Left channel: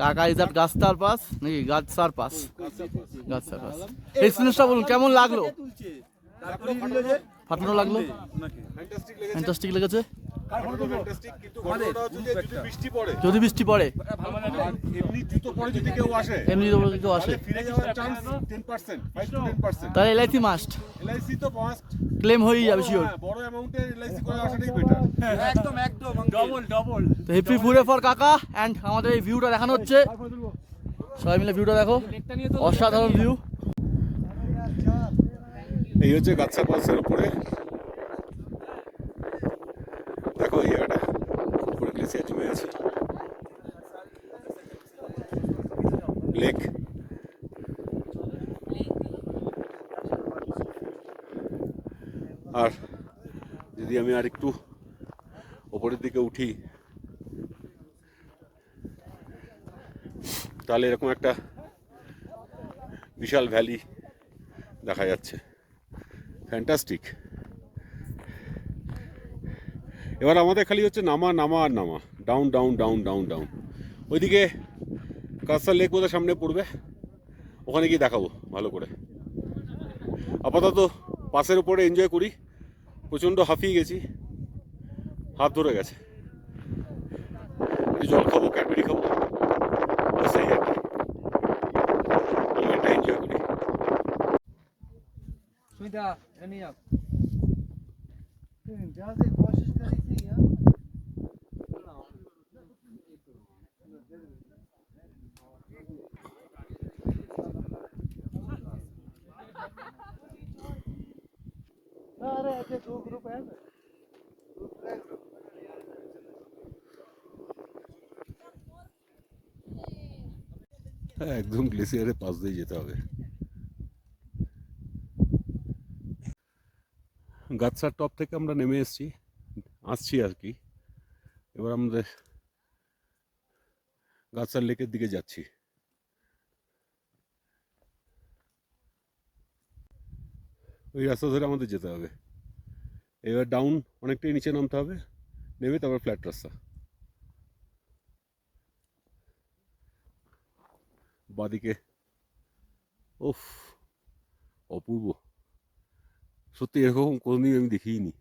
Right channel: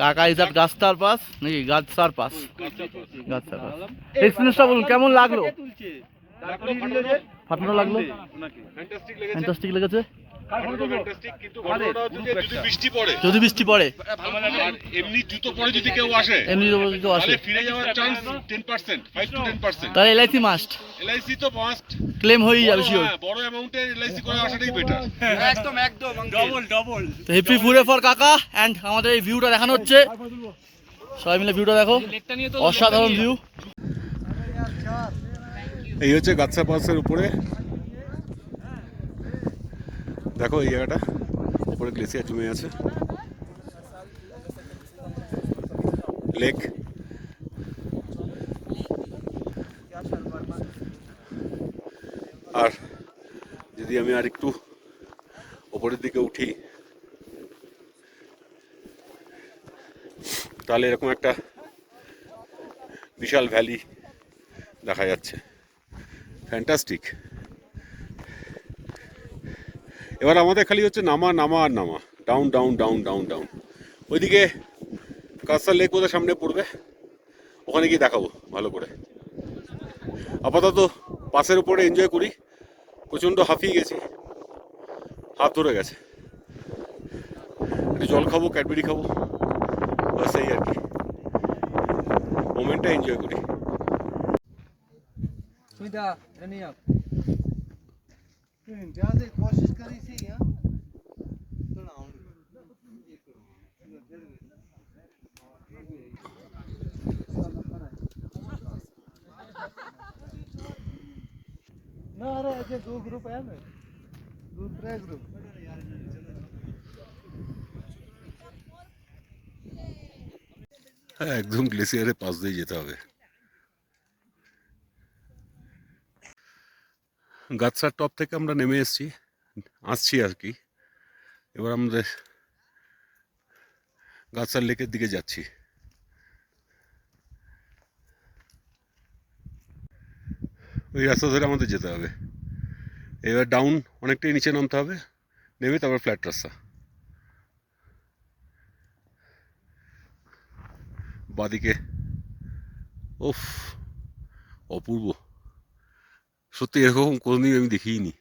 কাকা is that গাছতার pass নাকি পাস পাস এক্সপিরিয়েন্সটা বলুন কেমন লাগল? ফাটানো লাগল? ফ্যান্টাস্টিক লেগেছে? যে যদি বৃষ্টি পড়ে যদি বৃষ্টি পড়ে। আর এমনি জুতো পরে যদি কেউ আসে এমনি কেউ আসে। ফিরে যাওয়ার chance ten percent five to ten percent তাহলে এলআইসি মাস্ট এলআইসি তো মাস্ট ক্লেম হয়েই যাবে শিওর বড় অ্যামাউন্টে এলআইসি করে আসাটাই বেটার একদম একদম ডবল ডবল তো হেপি ফুডে ফর কাকা অ্যান্ড আমাদের এই ভিউটা দেখানো হচ্ছে। সবাই মিলে ভিউটা দেখো। অসাধারণ ভিউ এই হচ্ছে গাছা পালসের উপরে। দেখো এই জায়গাটা। উপরে গ্লেসিয়ার জমে আছে। লেক আর যদি আমি আর একটু ওপরের দিকে উঠি, তাহলে এরকম একটা বিশাল ভ্যালি দেখা যাচ্ছে। ফ্যান্টাস্টিক এবার আমাদের খালি হচ্ছে নামা নামা আর নামা। Down down down down down ওইদিকে কাস্তার লেক বোধহয় সামনে পড়বে। ওখানে গিয়ে দেখাবো, ভালো করে। আপাতত পাসের উপরে এনজয় করি। প্রচণ্ড হাঁপিয়ে গেছি। হাত ধরে গেছে। একটু জল খাব, ক্যাডবেরি খাব। সেই আর কি। মোমেন্টটা এনজয় করি। সুবিধা এনি আপ ध्यान से कोशिश करी थी यार अरे ऐसे दो ग्रुप है ना दूसरा ग्रुप হ্যাঁ একদম গ্লেসিয়ারের পাশ দিয়ে যেতে হবে গাছার টপ থেকে আমরা নেমে এসেছি, আসছি আর কি। এবার আমাদের গাছার লেকের দিকে যাচ্ছি। ওই রাস্তা ধরে আমাদের যেতে হবে। এবার ডাউন অনেকটাই নিচে নামতে হবে, নেমে তারপর ফ্ল্যাট রাস্তা। বাদিকে ওফ অপূর্ব। সত্যি এরকম কোনোদিন আমি দেখিনি।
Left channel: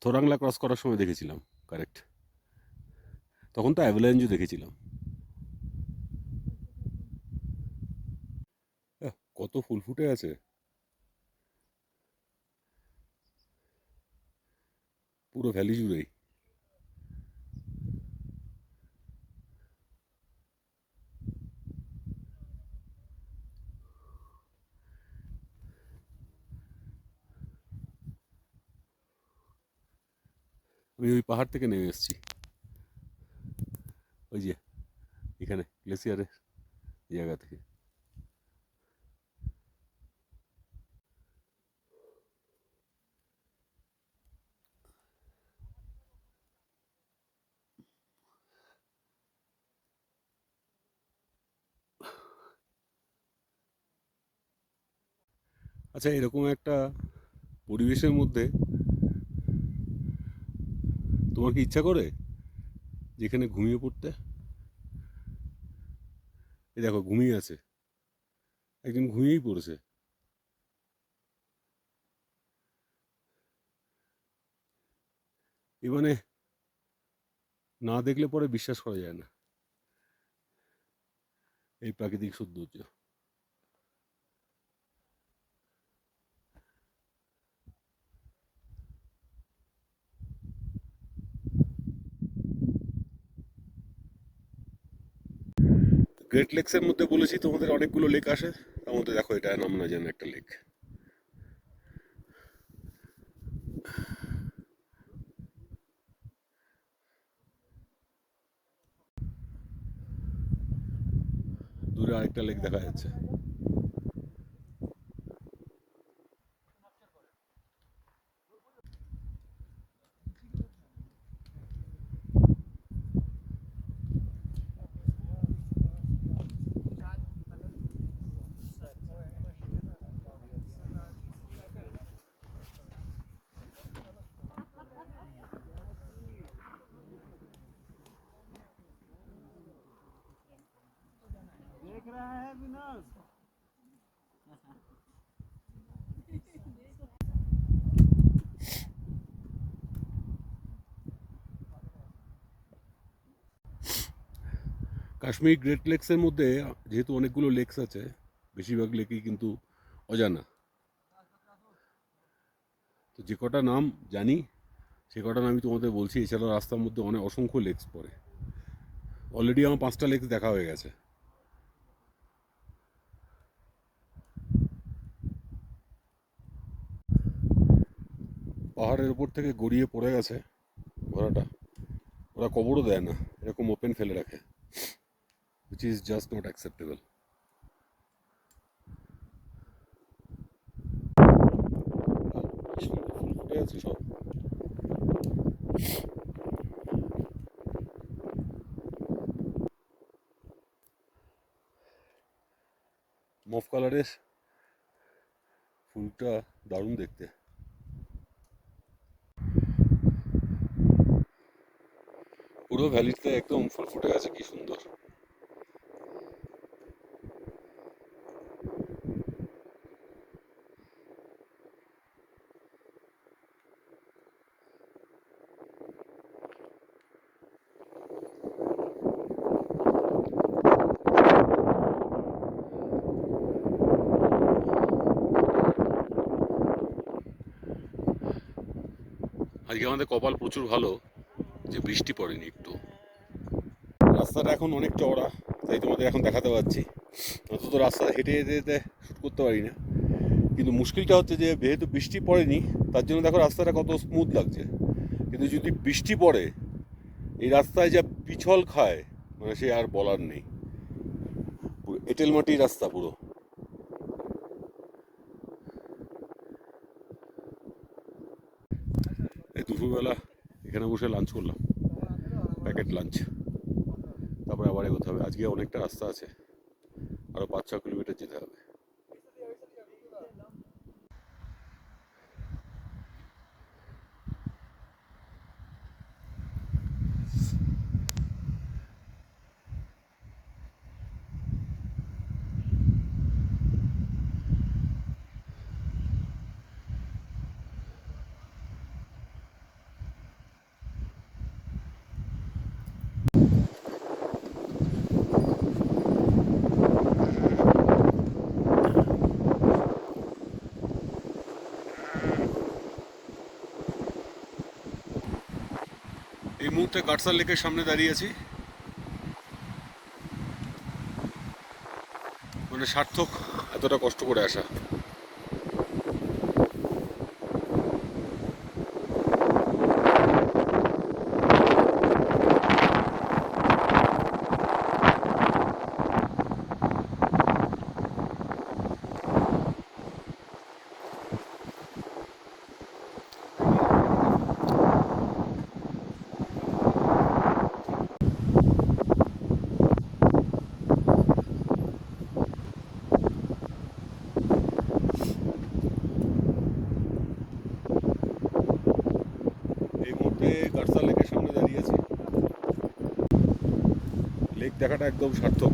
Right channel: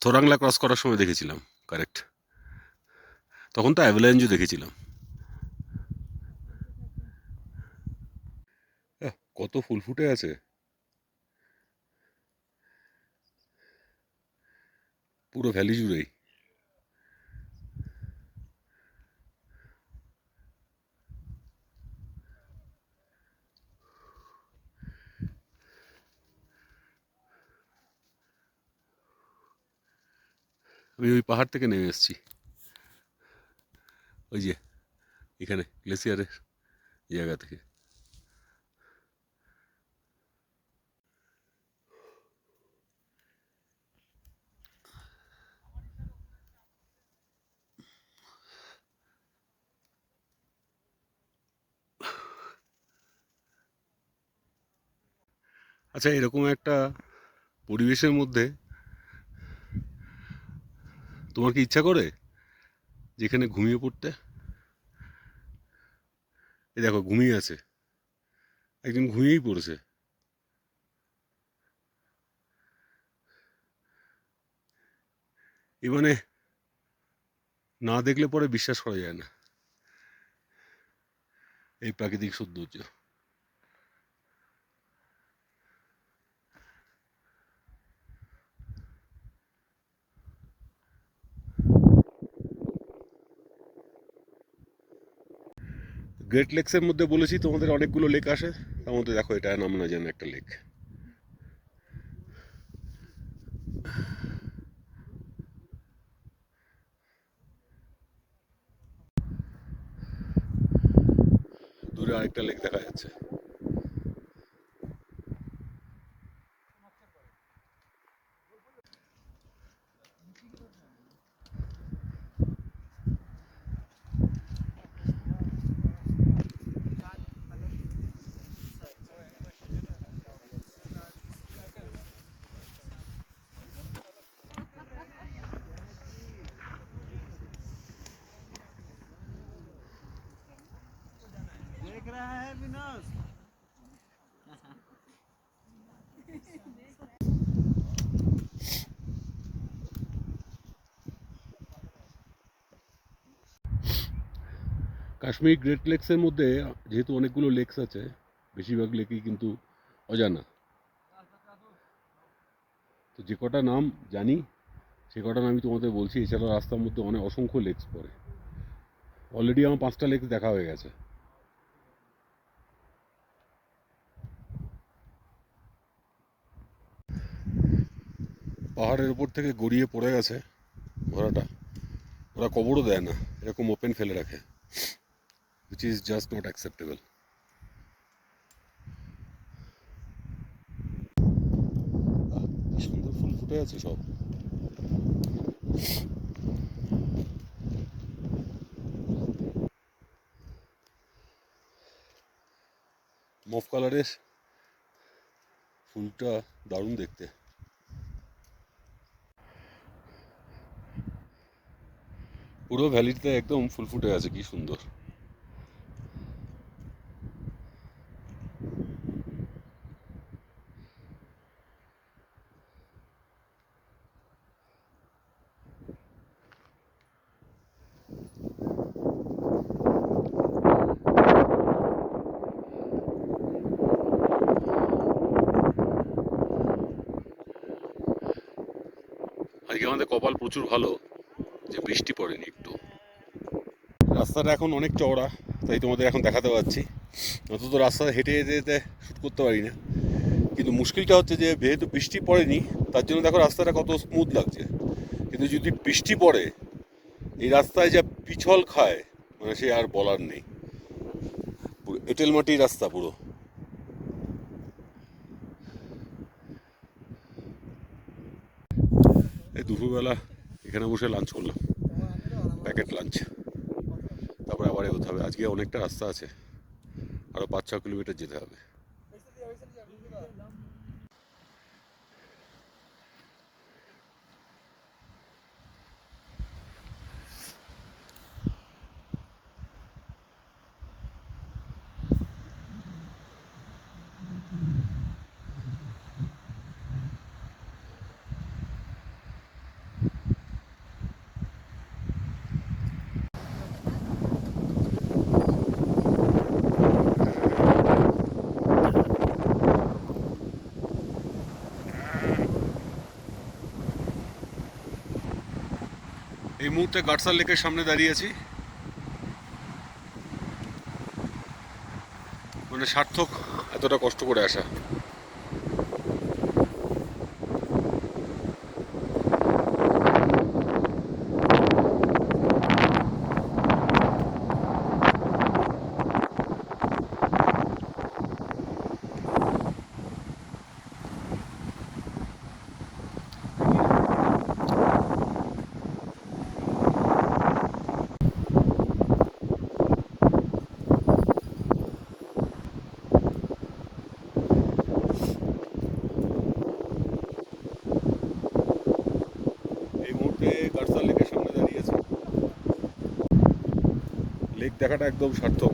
থোরাংলা ক্রস করার সময় দেখেছিলাম কারেক্ট তখন তো অ্যাভেলেঞ্জও দেখেছিলাম। কত ফুল ফুটে আছে। পুরো ভ্যালি জুড়েই। আমি ওই পাহাড় থেকে নেমে এসেছি। ওই যে, এখানে, গ্লেসিয়ারের জায়গা থেকে। আচ্ছা এরকম একটা পরিবেশের মধ্যে তোমার কি ইচ্ছা করে যেখানে ঘুমিয়ে পড়তে? এই দেখো, ঘুমিয়ে আছে। একজন ঘুমিয়েই পড়েছে। এ মানে না দেখলে পরে বিশ্বাস করা যায় না। এই প্রাকৃতিক সৌন্দর্য। গ্রেট লেকসের মধ্যে বলেছি, তোমাদের অনেকগুলো লেক আসে। তার মধ্যে দেখো, এটা নাম না একটা লেক দূরে আরেকটা লেক দেখা যাচ্ছে। देख रहा है विनाश কাশ্মীর গ্রেট লেকসের মধ্যে যেহেতু অনেকগুলো লেকস আছে বেশিরভাগ লেকই কিন্তু অজানা তো যে কটা নাম জানি সে কটা নামই তোমাদের বলছি এছাড়াও রাস্তার মধ্যে অনেক অসংখ্য লেকস পড়ে অলরেডি আমার পাঁচটা লেকস দেখা হয়ে গেছে পাহাড়ের উপর থেকে গড়িয়ে পড়ে গেছে ঘোড়াটা। ওরা কবরও দেয় না এরকম ওপেন ফেলে রাখে। Which is just. আহ, সুন্দর ফুল ফুটে আছে সব। মফ কালারের ফুলটা দারুণ দেখতে। পুরো ভ্যালিতে একদম ফুল ফুটে আছে কি সুন্দর। আজকে আমাদের কপাল প্রচুর ভালো। যে বৃষ্টি পড়েনি একটু। রাস্তাটা এখন অনেক চওড়া, তাই তোমাদের এখন দেখাতে পাচ্ছি। অন্তত রাস্তাটা হেঁটে যেতে যেতে শ্যুট করতে পারি না। কিন্তু মুশকিলটা হচ্ছে যে, যেহেতু বৃষ্টি পড়েনি, তার জন্য দেখো রাস্তাটা কত স্মুথ লাগছে। কিন্তু যদি বৃষ্টি পড়ে, এই রাস্তায় যা পিছল খায় মানে সে আর বলার নেই। এঁটেল মাটির রাস্তা পুরো। এই দুপুরবেলা এখানে বসে লাঞ্চ করলাম। প্যাকেট লাঞ্চ তারপরে আবার এগোতে হবে। আজকে অনেকটা রাস্তা আছে। আরও পাঁচ ছ কিলোমিটার যেতে হবে। মুহূর্তে গাটসার লেকের সামনে দাঁড়িয়ে আছি। মানে সার্থক এতটা কষ্ট করে আসা এই মুহূর্তে লেকের সামনে দাঁড়িয়ে আছি লেক দেখাটা একদম সার্থক।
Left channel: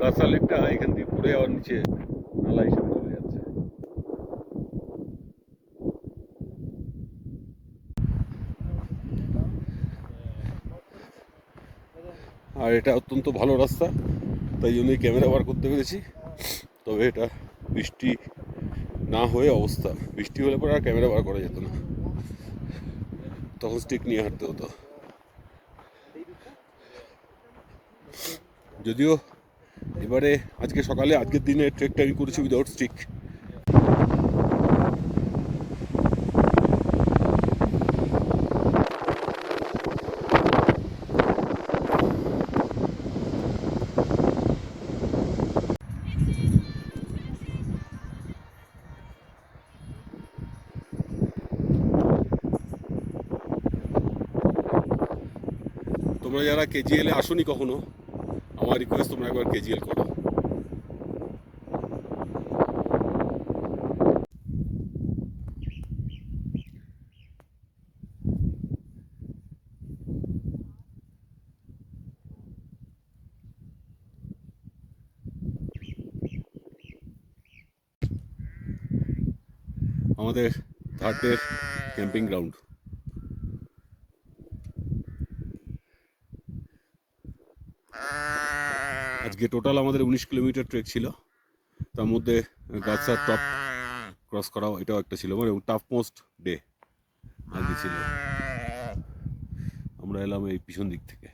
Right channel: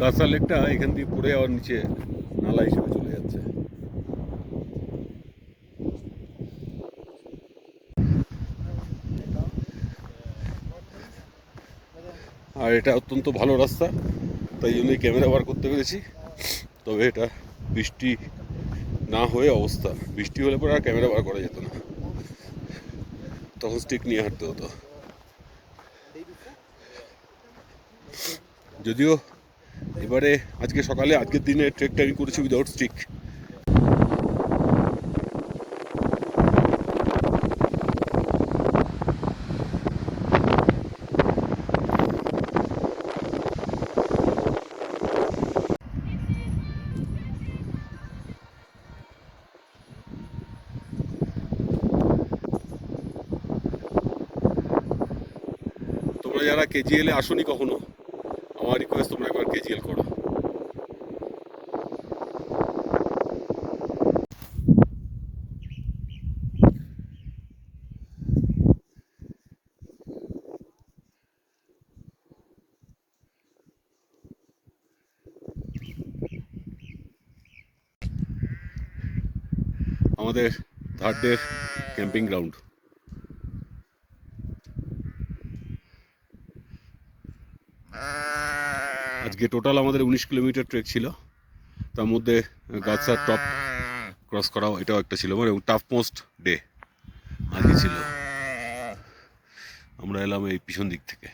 গাছার লেকটা এখান দিয়ে পড়ে আবার নিচে নালা হিসেবে চলে যাচ্ছে আর এটা অত্যন্ত ভালো রাস্তা, তাই জন্যই ক্যামেরা বার করতে পেরেছি। তবে এটা বৃষ্টি না হয়ে অবস্থা। বৃষ্টি হলে পরে আর ক্যামেরা বার করা যেত না। তখন স্টিক নিয়ে হাঁটতে হতো। যদিও এবারে আজকে সকালে, আজকের দিনে ট্রেকটা আমি করেছি উইদাউট স্টিক তোমরা যারা কেজিএল এ আসোনি কখনো, আমার রিকোয়েস্ট তোমরা একবার কেজিএল করো। আমাদের থার্ড ডে ক্যাম্পিং গ্রাউন্ড আজকে টোটাল আমাদের উনিশ কিলোমিটার ট্রেক ছিল। তার মধ্যে গাছার টপ ক্রস করাও এটাও একটা ছিল মানে টাফ মোস্ট ডে আজকে ছিল। আমরা এলাম এই পিছন দিক থেকে।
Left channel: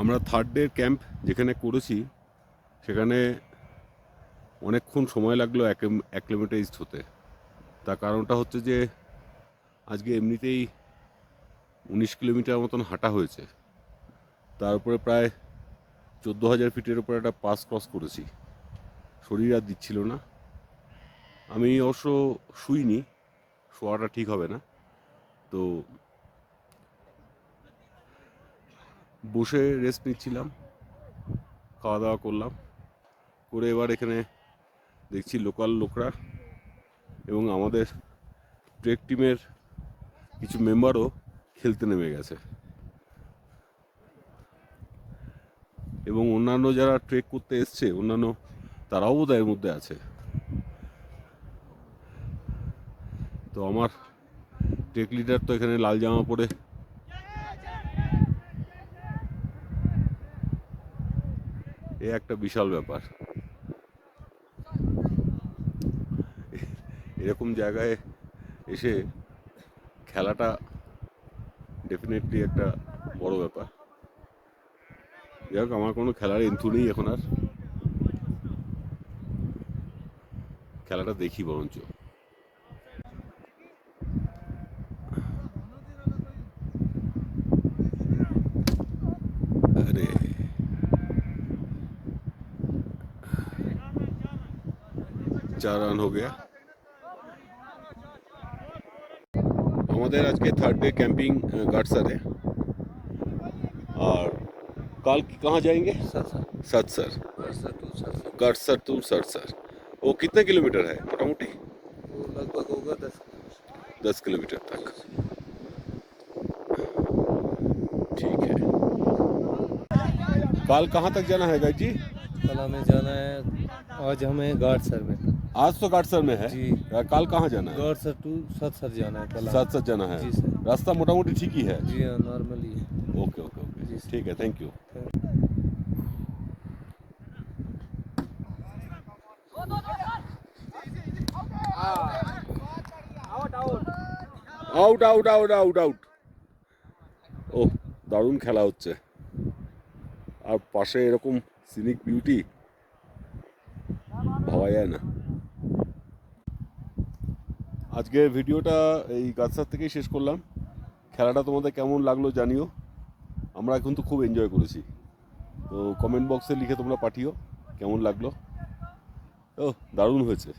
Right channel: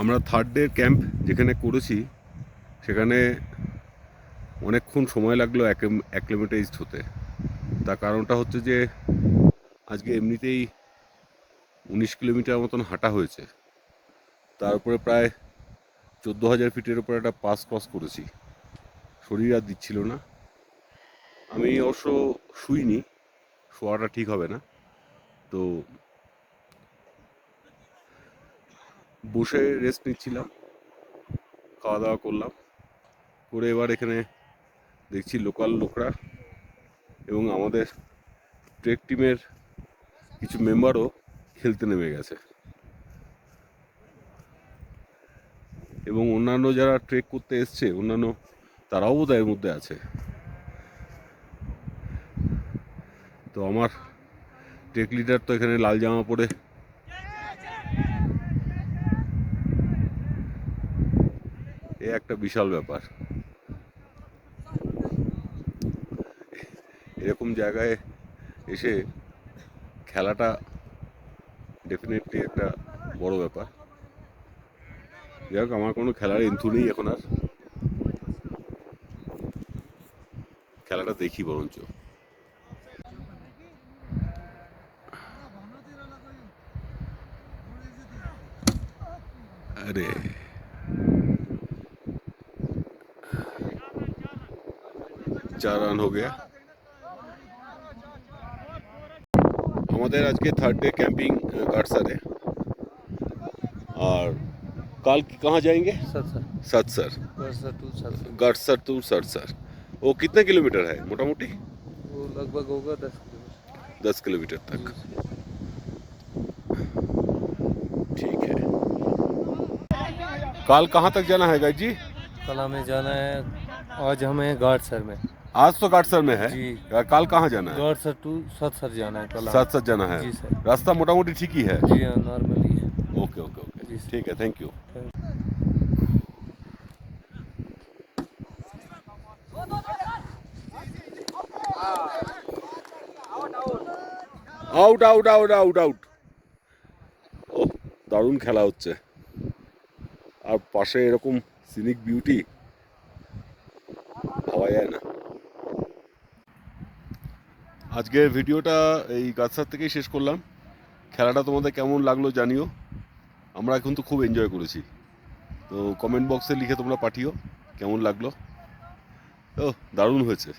আমরা থার্ড ডে ক্যাম্প যেখানে করেছি, সেখানে অনেকক্ষণ সময় লাগল অ্যাক্লিমেটাইজড হতে। তার কারণটা হচ্ছে যে, আজকে এমনিতেই উনিশ কিলোমিটার মতন হাঁটা হয়েছে। তার উপরে প্রায় চোদ্দ হাজার ফিটের উপরে একটা পাস ক্রস করেছি। শরীর আর দিচ্ছিল না। আমি অবশ্য শুইনি, শোয়াটা ঠিক হবে না। তো বসে রেস্ট নিচ্ছিলাম খাওয়া দাওয়া করলাম। করে এবার এখানে দেখছি লোকাল লোকরা এবং আমাদের ট্রেক টিমের কিছু মেম্বারও খেলতে নেমে গেছে। এবং অন্যান্য যারা ট্রেক করতে এসছে, অন্যান্য তারাও বোধ মধ্যে আছে। তো আমার ট্রেক লিডার তো এখানে লাল জামা পরে। এ একটা বিশাল ব্যাপার। এরকম জায়গায় এসে খেলাটা ডেফিনেটলি একটা বড় ব্যাপার। যাই হোক আমার কোনো খেলার এন্থু নেই এখন আর খেলাটা দেখি বরঞ্চ আরে চার রান हो गया আমাদের আজকে থার্ড ডে कैंपिंग गाटसर है और कल कहाँ जाएँगे? सतसर गाटसर टू सरसर वो कितने किलोमीटर है? मोटा मोटी लगभग होगा दस दस किलोमीटर तक। ठीक है। कल कहाँ तक जाना है गाइड जी? कल हमें जाना है आज हमें गार्ड सर में। आज तो गाटसर में है? जी। कल कहाँ जाना है? गार्ड सर टू सत सर जाना है कल। साथ जाना है। जी सर। रास्ता मोटा मोटी ठीक ही है? जी हाँ नॉर्मल ही। है ओके ओके। ओके ठीक है thank you. Out out out out out ও দারুণ খেলা হচ্ছে। আর পাশে এরকম সিনিক বিউটি ভাবা যায় না। আজকের ভিডিওটা এই গাছসার থেকেই শেষ করলাম। খেলাটা তোমাদের কেমন লাগল জানিও। আমরা এখন তো খুব এনজয় করেছি। তো কমেন্ট বক্সে লিখে তোমরা পাঠিও, কেমন লাগল। ও, দারুণ হয়েছে।